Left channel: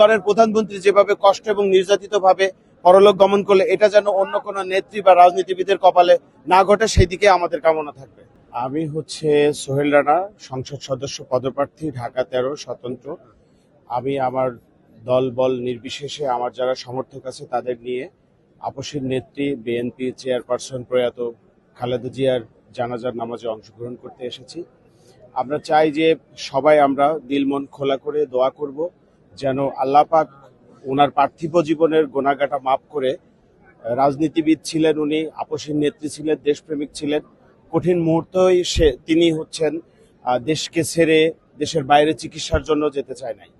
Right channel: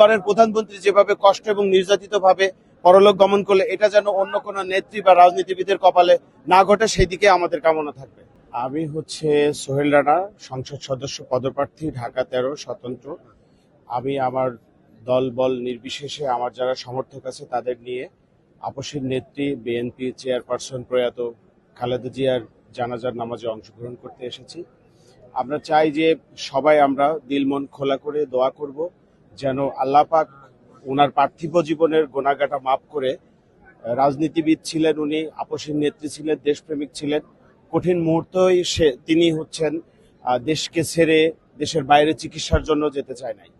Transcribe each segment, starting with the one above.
তিনবারের প্রধানমন্ত্রী যেভাবে কষ্ট এবং নির্যাতিত ভাবে পরলোক গমন করলে এটা যেন অন্য কোনো নেত্রী বা রাজনীতিবিদের কপালে না ঘটে, সেই দিকে আমাদের কামনা থাকবে। আমি সোহেল রানা, সংসদ সদস্য পদপ্রার্থী, ঢাকা 13 স্বতন্ত্র। আমি আমার দল বল নির্বিশেষে আমার যারা সমর্থক আছে তাদের নিয়ে আপসের নেত্রী বিএনপি চেয়ারপারসন প্রয়াত খালেদা জিয়ার জানাজার নামাজে অংশগ্রহণ করতে এসেছি। আমরা চাই যে সবাই আমরা দিল মন খোলা করে দোয়া করব যেন আল্লাহ পাক ওনার পার্থিব জীবনের গোনাগাটা মাফ করে। রাজনীতিবিদ ছিলেন উনি, আপসের নেত্রী ছিলেন, দেশপ্রেমিক ছিলেন। কঠিন মুহূর্তেই তিনি দেশকে ছেড়ে দেশের বাইরে চিকিৎসার জন্য যেতে চায় নাই।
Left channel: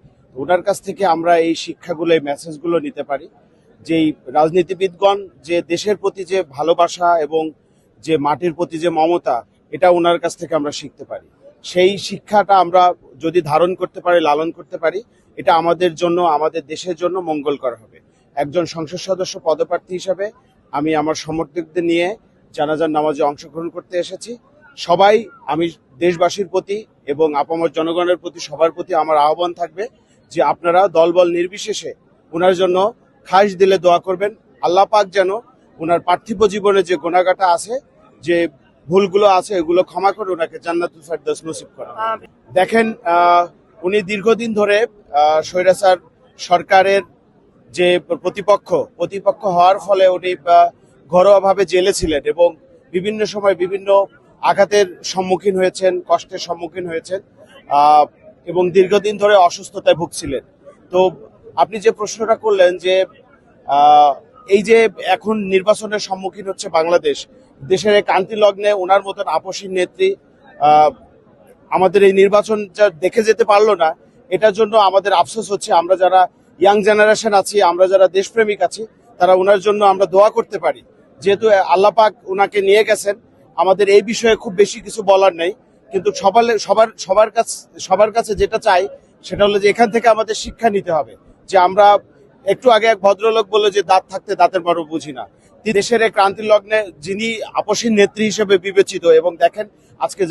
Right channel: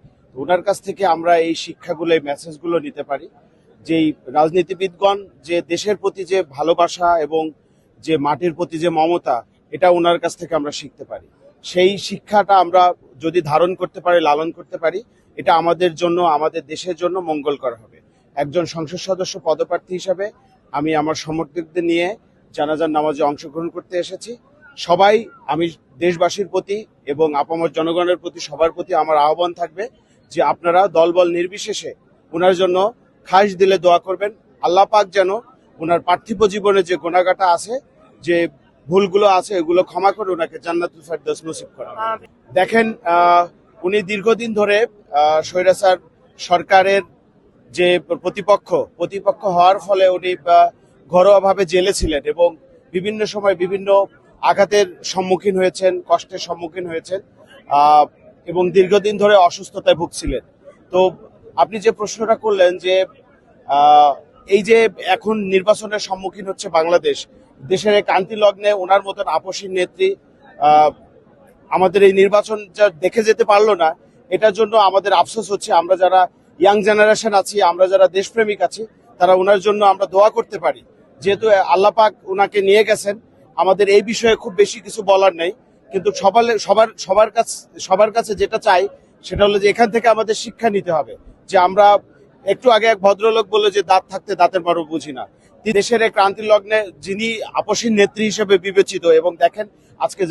ওনার কাছ থেকে আমরা এই শিক্ষাগুলো, এই মেসেজগুলো নিতে পারি যে রাজনীতিবিদগণ যে দেশের প্রতি যে ভালোবাসা এবং যে মাটির প্রতি যে মমতা, এটা ওনার কাছ থেকে আমরা শিখতে পারি। সেই শিক্ষাটা আমরা যদি ধারণ করতে পারি, লালন করতে পারি, এটা আমাদের জন্য, আমাদের দেশের জন্য মঙ্গলকর হবে। একজন সংসদ সদস্য পদপ্রার্থী হিসাবে আমি আমার সমর্থকদের নিয়ে জানাজার নামাজে অংশগ্রহণ করতে এসেছি। সবাই, আমি দেশবাসীর প্রতি এবং আপামর জনগণের প্রতি, সবার প্রতি আমার আহ্বান থাকবে যে আপনারা দলবল নির্বিশেষে ওনার জন্য খাস দিলে দোয়া করবেন। আল্লাহ পাক যেন ওনার পার্থিব জীবনে যে গুনাহগাটা আছে, যে ভুলগুলো আছে, এগুলো ক্ষমা করে ওনাকে জান্নাতুল ফেরদৌস নসিব করেন। দেখেন, উনি দীর্ঘদিন ধরে স্বৈরাচার সরকারের যে প্রতিপক্ষ হওয়ার ফলে উনি ঘরোয়াভাবে জেলে ছিলেন এবং বিভিন্ন সময় বিভিন্ন আঘাতের সম্মুখীন হয়েছেন, কষ্টের সম্মুখীন হয়েছেন এবং দীর্ঘদিন ধরে অসুস্থতায় ভুগছিলেন। তো আপনি যে প্রশ্নটা করলেন যে এই যে এখন নির্বাচনের সম্মুখীন হচ্ছে বাংলাদেশ, দেশের ক্রান্তি লগ্নে ওনার মতন আপসী নেত্রী আমাদের এই নির্বাচন দেখে যেতে পারলো না, এটার জন্য আমাদের আফসোস হচ্ছে। আমরা যারা ইয়াং জেনারেশন আছি, আমরা যারা দেশপ্রেমিক আছি, তারা ওনার জন্য আমরা দোয়া করতে পারি। যেহেতু আল্লাহ পাক ওনাকে নিয়ে গেছেন, আমাদের এই বিষয়ে খুব বেশি কিছু বলার নেই। কিন্তু সবার কাছে যেটা চাই সেটা হলো যে এখান থেকে আমাদের শিক্ষা নিতে হবে যে আমরা, একটু আগে এক ভদ্রলোক বললো যে দাঁত থাকতে দাঁতের বড় বুঝি না। দেশের এই ক্রান্তি লগ্নে যিনি আপসী নেত্রী হিসেবে বিবেচিত, এবং দেখেন আজকে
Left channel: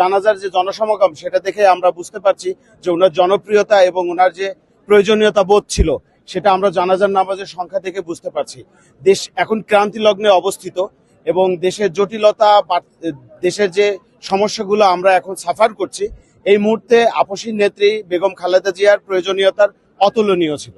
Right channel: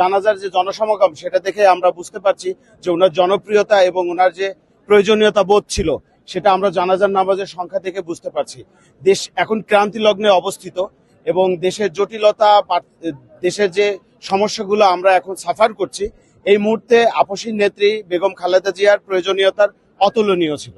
জানাজার যে জনসমাগম, সেটা দেখে আমরা বুঝতে পারছি যে ওনার জনপ্রিয়তা এবং ওনার যে প্রয়োজনীয়তা বোধ ছিল, সেটা আমরা জানাজার নামাজের সংখ্যা থেকে বুঝতে পারছি। দেশ এখন ক্রান্তি লগ্নে অবস্থিত এবং দেশের জটিলতা বা দেশের যে সমস্যাগুলো আমরা এখন সাফার করছি, এই মুহূর্তে আপসী নেত্রী বেগম খালেদা জিয়ার প্রয়োজনীয়তার অতুলনীয় ছিল।